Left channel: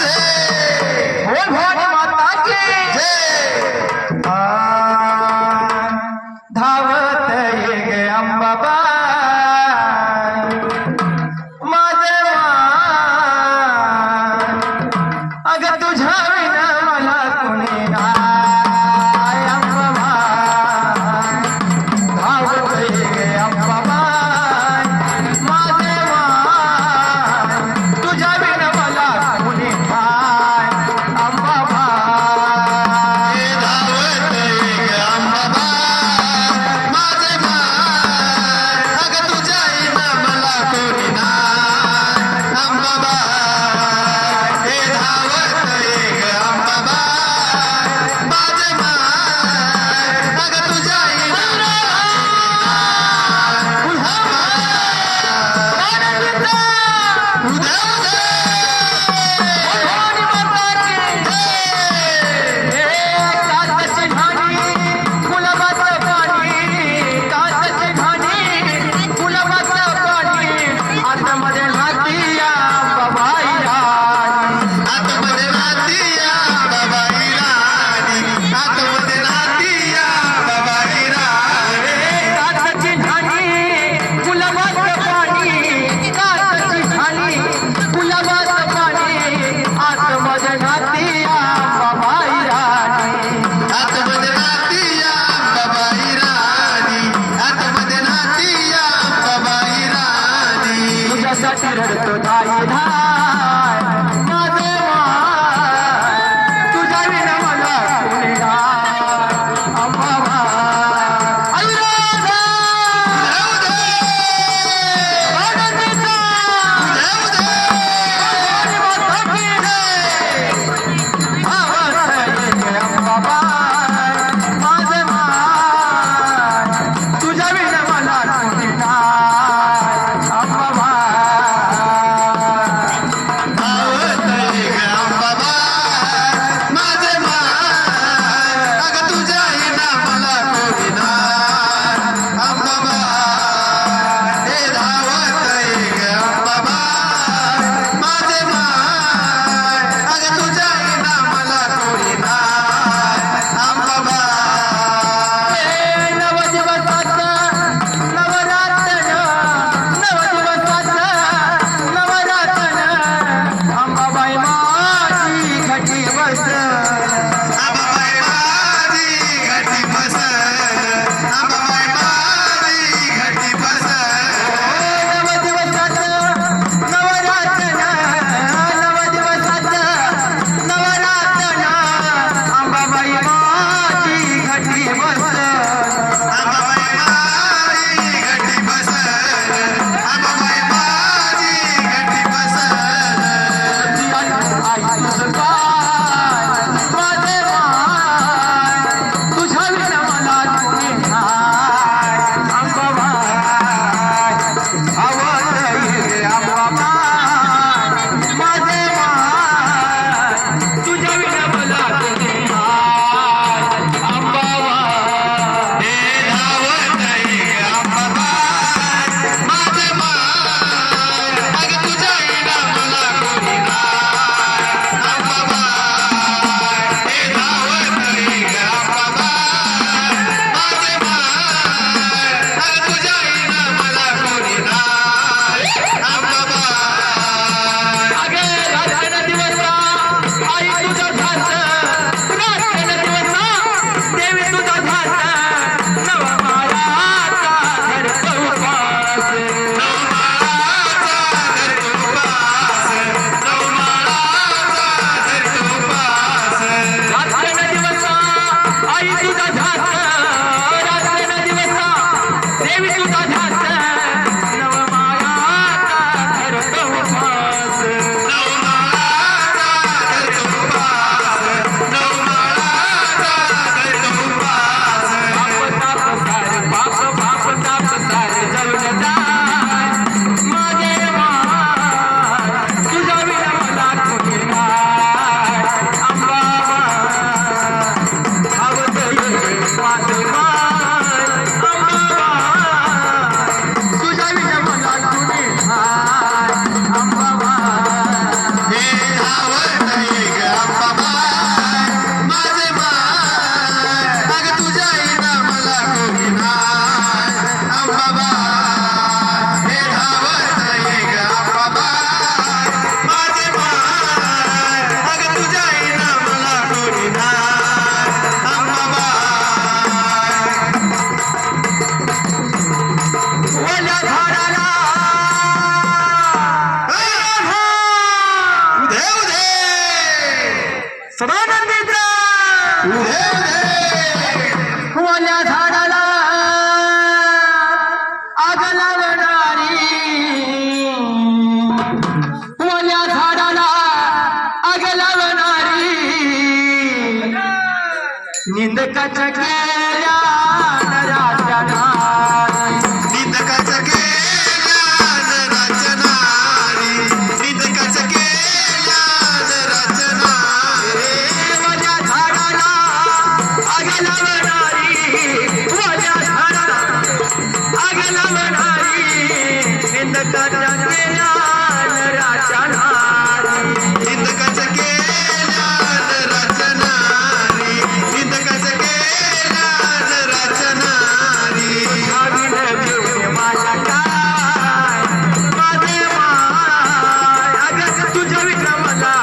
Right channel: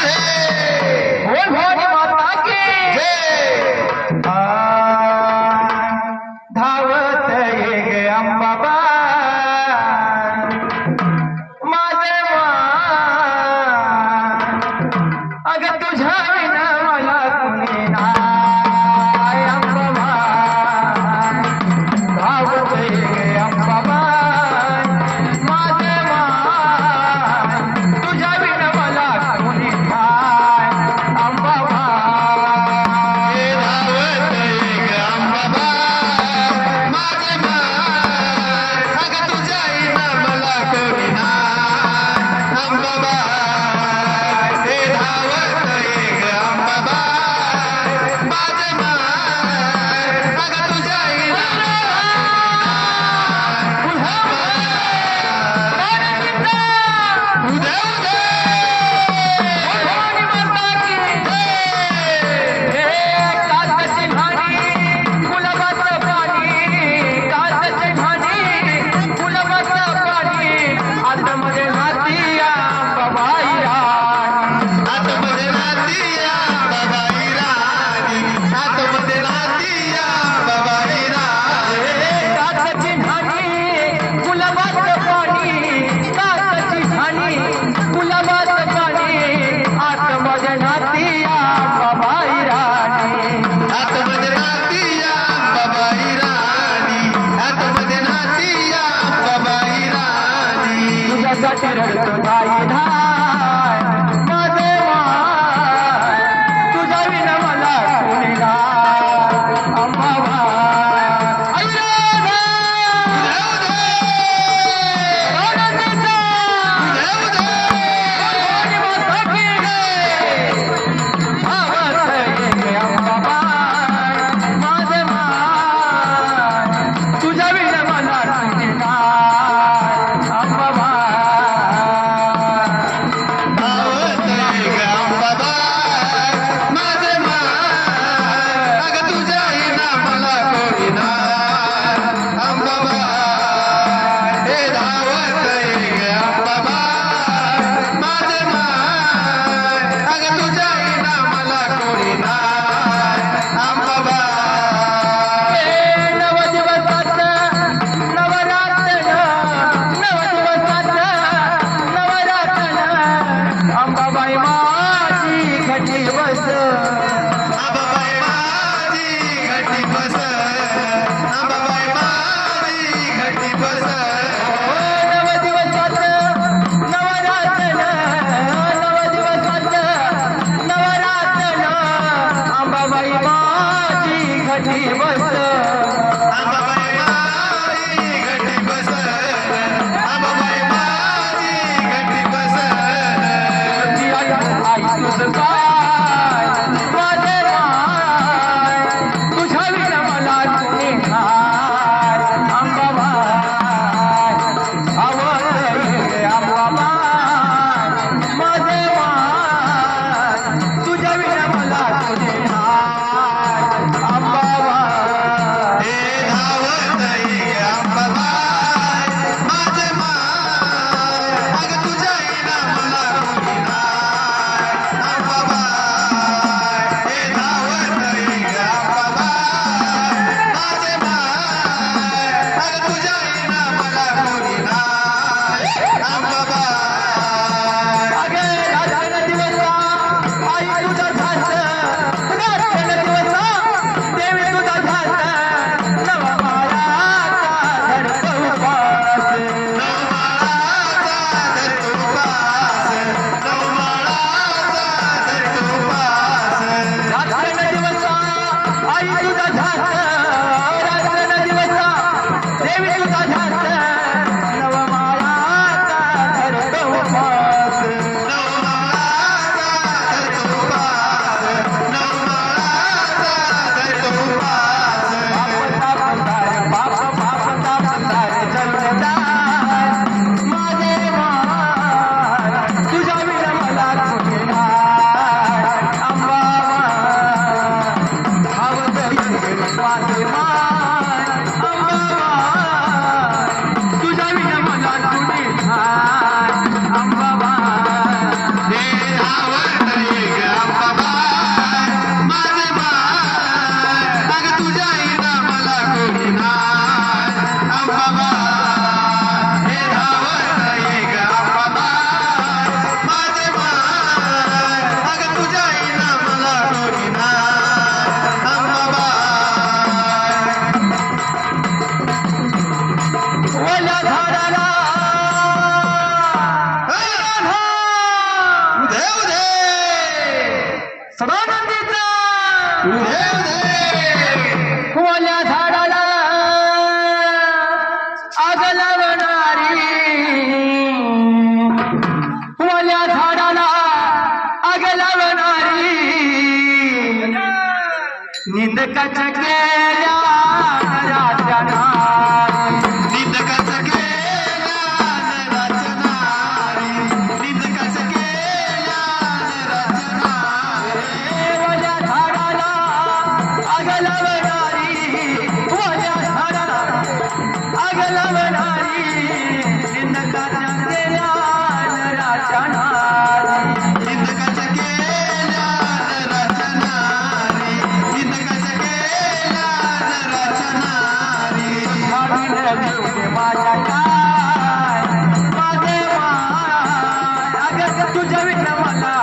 Hallelujah. तो ¡Ay, la casa! लावल्या झाडाला आग लावणारी. ओल्या झाडाला आग लावणारी. निंदकाच्या केल्या राजाला. वाला